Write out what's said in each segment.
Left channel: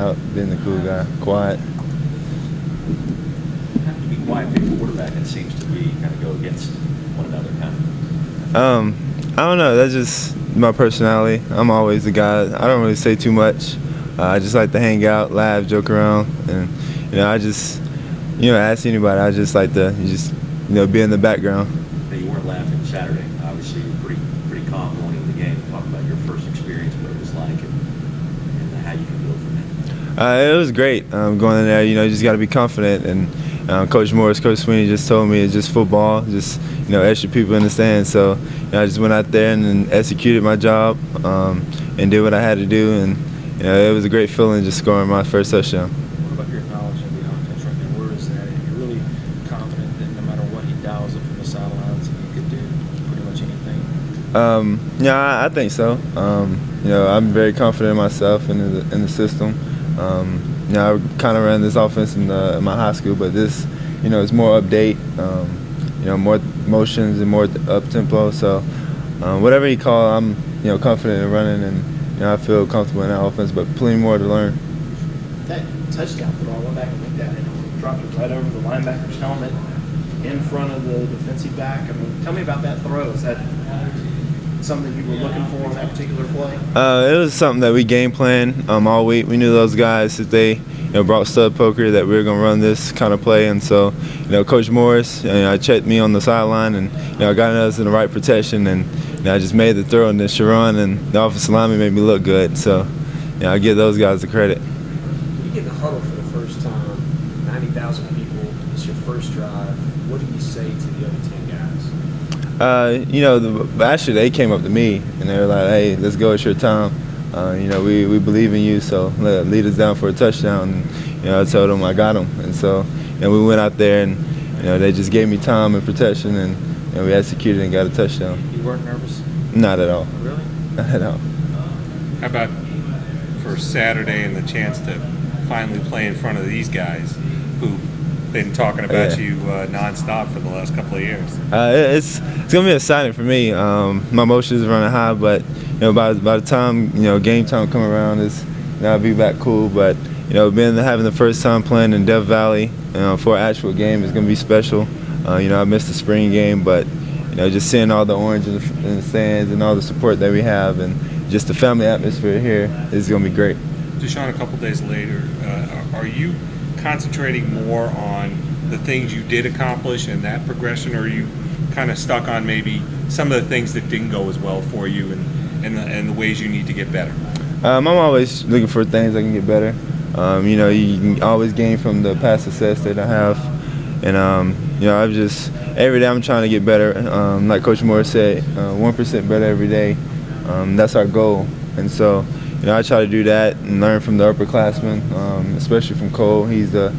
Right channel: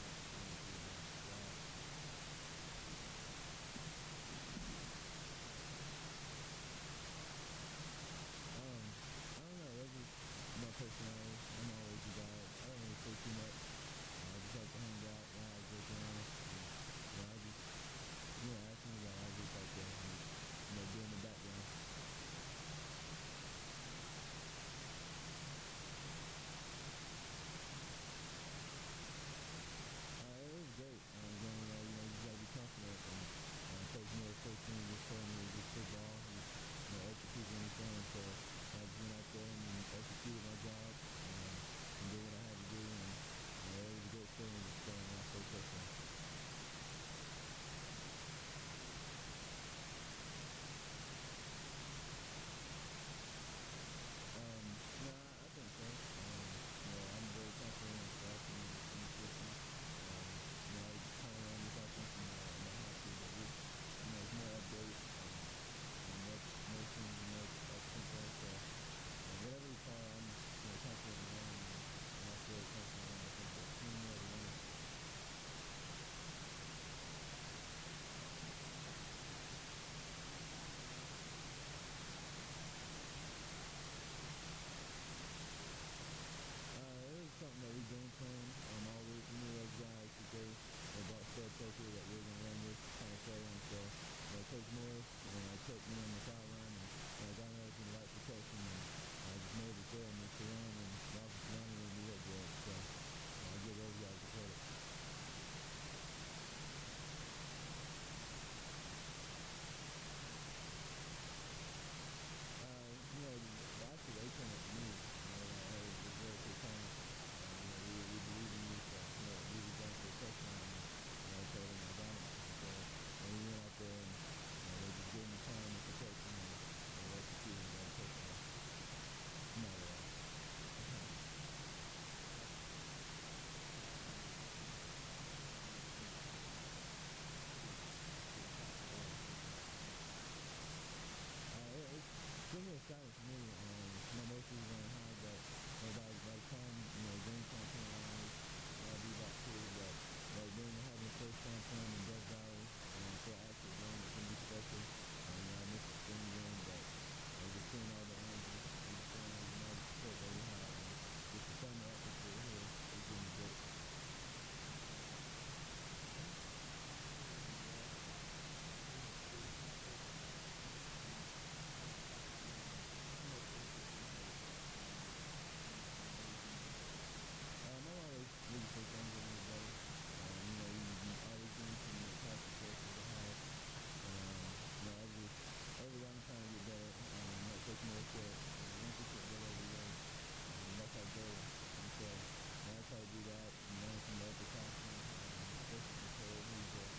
out, being the cool guy, quiet. You have to be quiet being a quarterback. It seems to be kind of go against one another, kind of. I don't know. That's just my personality. I'm always the guy. I don't really say too much. I just like to hang out, laugh, joke around, and I just ask anybody. I just like to be in the background. Now, you weren't laughing Saturday. Obviously, you were pretty calm going into the game. Talk about your first experience, what it was like, and how you can build from that. It was great going in there. You just got to be confident. And Coach Morris, Coach Sweeney just told me it's just football, just extra people in the stands. So I just went out there and executed my job and did what I had to do. And it was a great feeling just scoring my first touchdown. What about your knowledge of the offense right now? Where is that? You're really confident that no matter what he dials up from the sidelines, you could do pretty much anything. Yeah, I think so. I'm very confident in myself and in the system. I kind of ran this offense in my high school, but this, it's more update. More motions and more up tempo. So whatever he call, I'm confident in running, and I feel comfortable in that offense. But plenty more to learn. That touchdown throw, I went back and looked at it. Dropped it right over the linebacker's helmet, in front of the defensive back. I mean, tell me about that throw. Is that something you were looking for on that particular play? It was something that we game planned all week. We knew those guys, if they brought stud poker, that we were going to run this kind of play. And so, Coach Morris, checked me on the sideline and got us in the right protection, and I just made the throw, and then Sharon and the offensive lineman made me look good. So, I give those guys the credit. You get the huddle for the first time, 90,000 people. It's your first drive. What do you say to the other 10 guys? Actually they came up to me and they were like, "Hey, let's go. It's your time. We believe in you. So lead us down for a touchdown." And I told them I got them, and so we went out there and they just gave me time and protection, and we executed and got a touchdown. You weren't nervous? Not at all. Really? Not at all. How about for Saturday and the chance to finally play in front of these guys who've been talking about you nonstop for the last couple of years? It's gonna be exciting for me. My emotions are running high, but by the time game time come around, I'll be back cool. But having the first time playing in Death Valley for an actual game is gonna be special. I missed the spring game, but just seeing all the orange in the stands and all the support that we have, and just the family atmosphere here is gonna be great. Deshaun, a couple days later, are you concentrating more on the things you did accomplish and that progression, or are you kind of stuck on maybe some of the things that didn't go as well for you and the ways you need to get better? I'm always looking for things that can get better. You can always gain from the past success that I have, and I've just every day I'm trying to get better. Like Coach Moore said, 1% better every day. That's our goal, and so I try to do that and learn from the upperclassmen, especially from Cole. He's the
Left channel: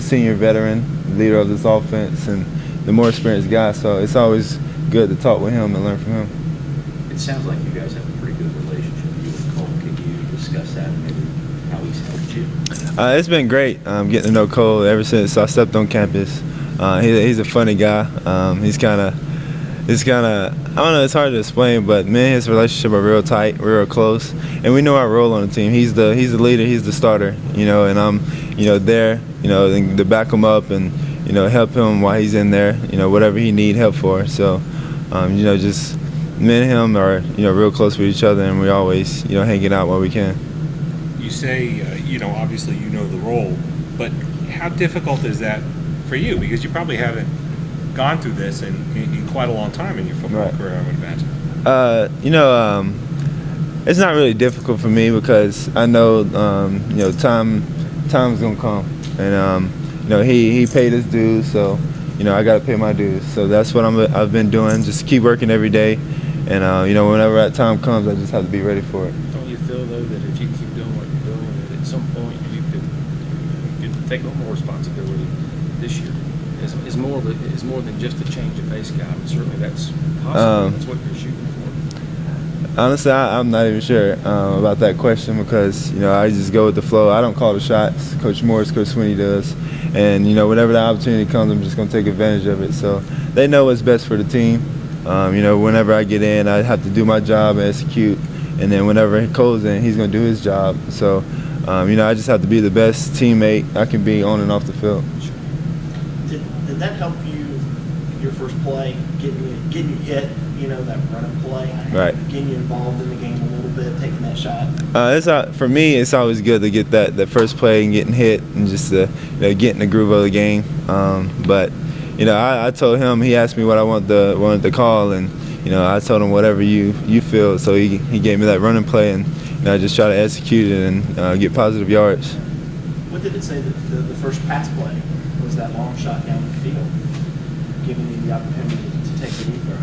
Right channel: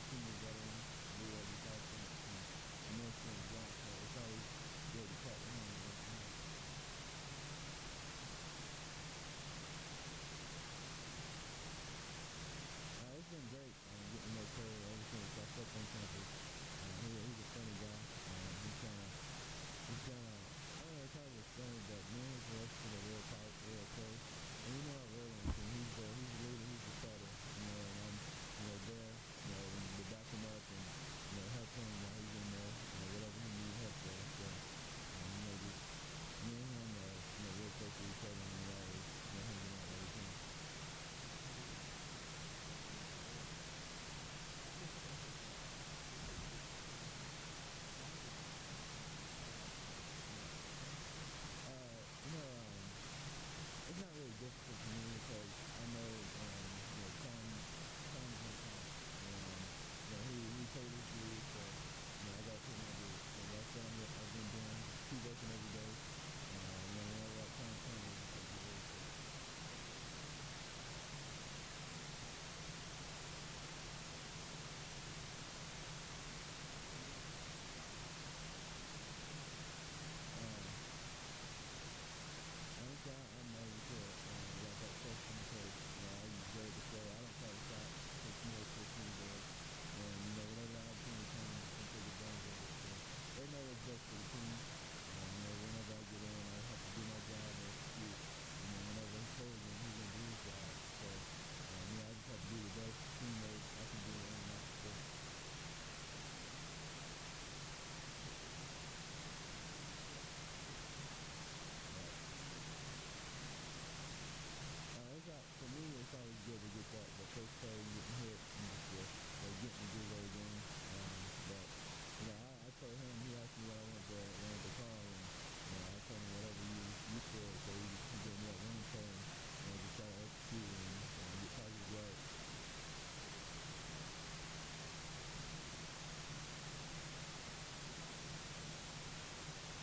senior veteran, leader of this offense, and the more experienced guy. So it's always good to talk with him and learn from him. It sounds like you guys have a pretty good relationship, you and Cole. Can you discuss that and maybe how he's helped you? It's been great getting to know Cole ever since I stepped on campus. He's a funny guy. He's kind of, I don't know, it's hard to explain, but me and his relationship are real tight, real close, and we know our role on the team. He's the leader, he's the starter, and I'm, there, to back him up and, help him while he's in there, whatever he need help for. So, just me and him are, real close with each other, and we always, hanging out while we can. You say, obviously you know the role, but how difficult is that for you? Because you probably haven't gone through this in quite a long time in your football career, I would imagine. It's not really difficult for me because I know, time's gonna come, and he paid his dues, so I gotta pay my dues. So that's what I've been doing. Just keep working every day, and whenever that time comes, I just have to be ready for it. Don't you feel though that if you keep doing what you're doing, that at some point you could take on more responsibility this year? Is more than just a change of pace guy. I mean, certainly that's possible. That's what you're shooting for. Honestly, I'm not even sure about that question because I just go with the flow. I don't call the shots. Coach Morris, Coach Sweeney does, and whenever the opportunity comes, I'm just gonna take advantage of it. So they know what's best for the team. Whenever I get in, I have to do my job and execute, and then whenever Cole's in, he's gonna do his job. So I just have to be the best teammate I can be on and off the field. Did that help you, your first play, getting you hit, that running play? Right. Getting you involved in the game a little bit, taking that shot? For me, it's always good to get that first play and getting hit and just get in the groove of the game. But I told him, he asked me what I wanted to call, and I told him whatever you feel. So he gave me that running play, and I just try to execute it and get positive yards. What did it say that the first pass play was that long shot down the field, giving you the opportunity to take the deep throw?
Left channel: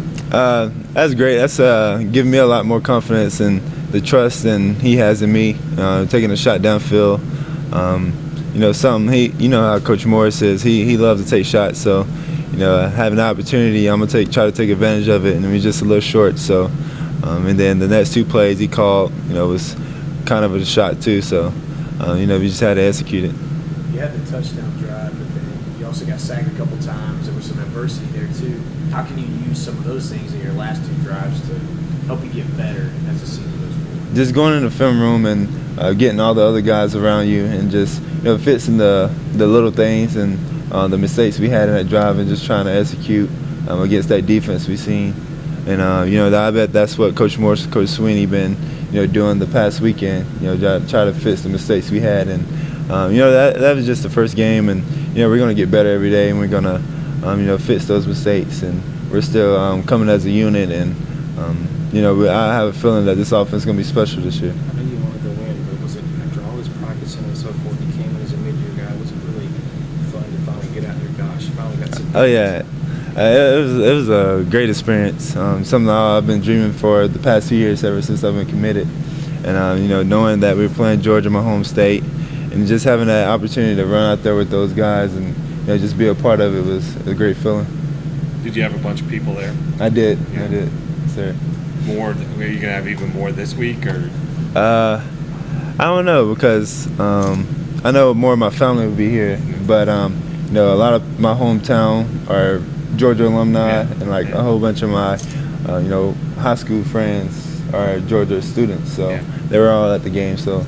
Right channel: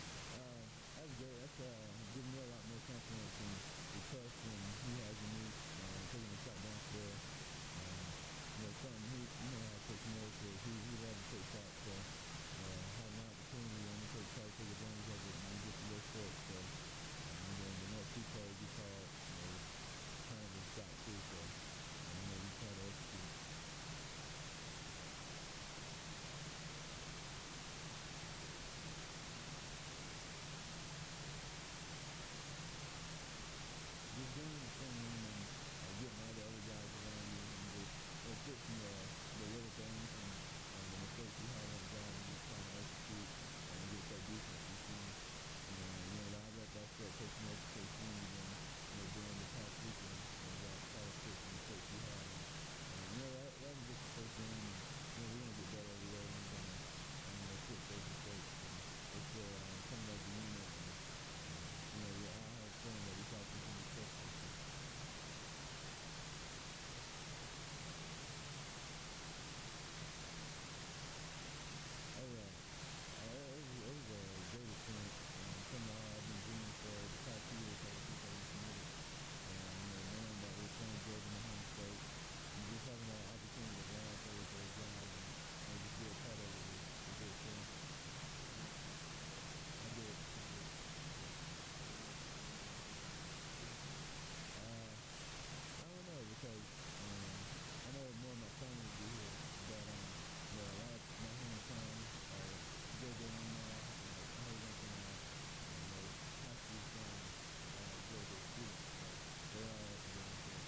That's great. That's giving me a lot more confidence and the trust than he has in me. Taking a shot downfield. Something how Coach Morris is. He loves to take shots. So, having the opportunity, I'm gonna try to take advantage of it. And we're just a little short. So, and then the next two plays he called, was kind of a shot too. So, we just had to execute it. You had the touchdown drive, but then you also got sacked a couple times. There was some adversity there too. How can you use some of those things in your last two drives to help you get better as the season goes forward? Just going in the film room and getting all the other guys around you and just fixing the little things and the mistakes we had in that drive and just trying to execute against that defense we seen. And I bet that's what Coach Morris, Coach Sweeney been doing the past weekend. Try to fix the mistakes we had. And that was just the first game, and we're gonna get better every day, and we're gonna fix those mistakes. And we're still coming as a unit, and I have a feeling that this offense is gonna be special this year. I know you want to go in, but was it after all this practicing and so forth, you came in as a mid-year guy? Was it really fun to finally get out there? Gosh, you finally got some. Oh yeah. It was a great experience. Something I've been dreaming for the past few years ever since I've been committed. And knowing that we were playing Georgia, my home state, and just having that opportunity to run out there with those guys and just be a part of it was a great feeling. Did you have a bunch of people there? I did. Yeah. I did, sir. More? Are you gonna have even more this week, or? I don't know, because I know more of my family will be here, but a lot of my hometown are Georgia alumni, and like a whole bunch of my high school friends are Georgia students, so they were all at the game. So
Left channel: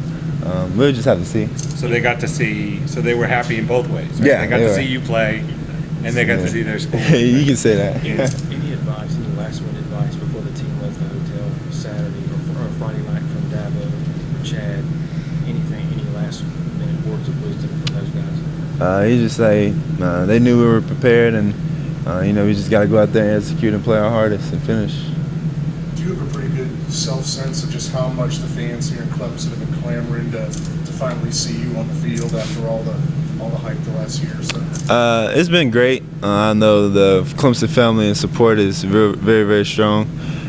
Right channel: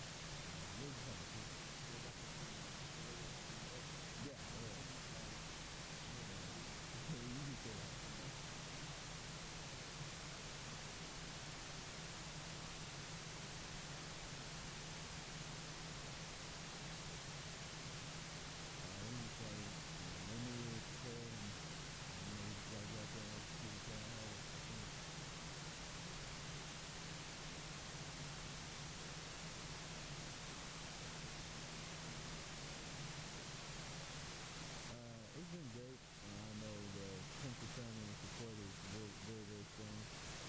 we'll just have to see. So they got to see. So they were happy in both ways. Right? Yeah, they got they to were. see you play, and they got to see their school. You can say that. Any advice, any last-minute advice before the team left the hotel Saturday or Friday night from Dabo or Chad? Anything, any last-minute words of wisdom from those guys? He just say they knew we were prepared, and we just got to go out there and execute and play our hardest and finish. Do you have a pretty good self-sense of just how much the fans here in Clemson have been clamoring to finally see you on the field after all the hype the last year or so? It's been great. I know the Clemson family and support is very, very strong,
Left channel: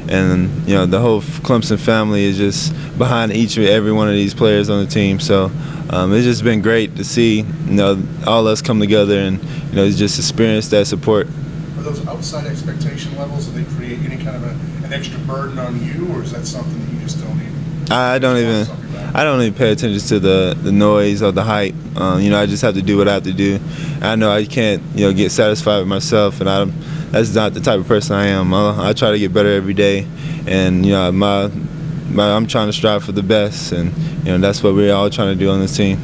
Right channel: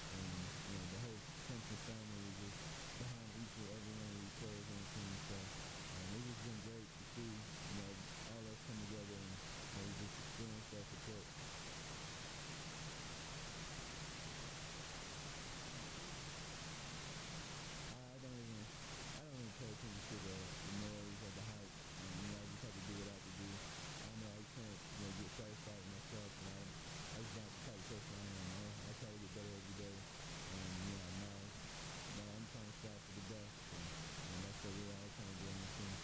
and the whole Clemson family is just behind each and every one of these players on the team. So it's just been great to see all us come together and just experience that support. Are those outside expectation levels, do they create any kind of an extra burden on you, or is that something that you just don't even? I don't even pay attention to the noise or the hype. I just have to do what I have to do. I know I can't get satisfied with myself, and that's not the type of person I am. I try to get better every day, and I'm trying to strive for the best, and that's what we're all trying to do on this team.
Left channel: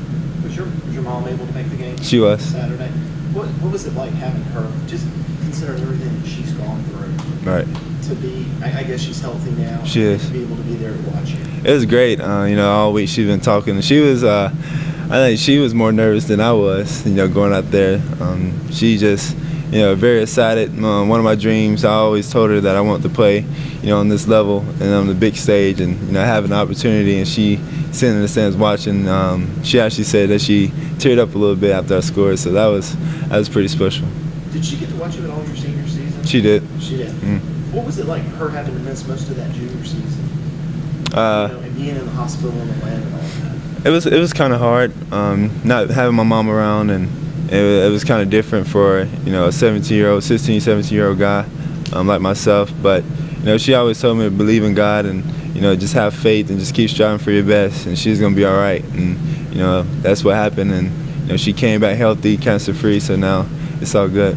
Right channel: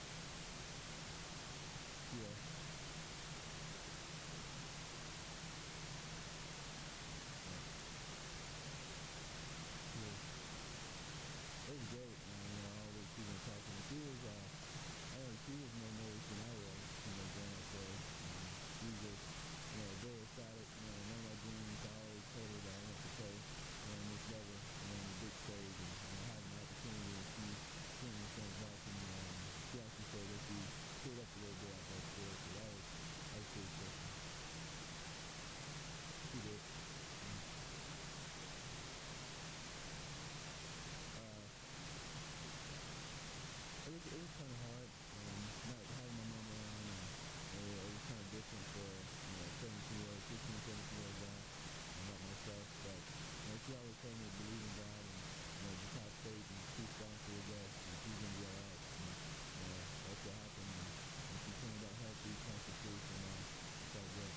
Was your mom able to make the game? She was. Saturday. What was it like having her, just considering everything that she's gone through? Right. To be, I guess she's healthy now. She is. To be able to be there to watch you. It was great. All week she's been talking. She was, I think she was more nervous than I was, going out there. She just, very excited. One of my dreams, I always told her that I want to play, on this level and on the big stage, and have an opportunity. And she sitting in the stands watching. She actually said that she teared up a little bit after I scored, so that was pretty special. Did she get to watch you at all your senior season? She did. She did. Mm. What was it like, her having to miss most of that junior season? And being in the hospital in Atlanta and all that. It was kind of hard, not having my mom around, and it was kind of different for a 17-year-old guy like myself. But she always told me to believe in God and just have faith and just keep striving for your best, and she's gonna be all right. And that's what happened. And she came back healthy, cancer free, so now it's all good.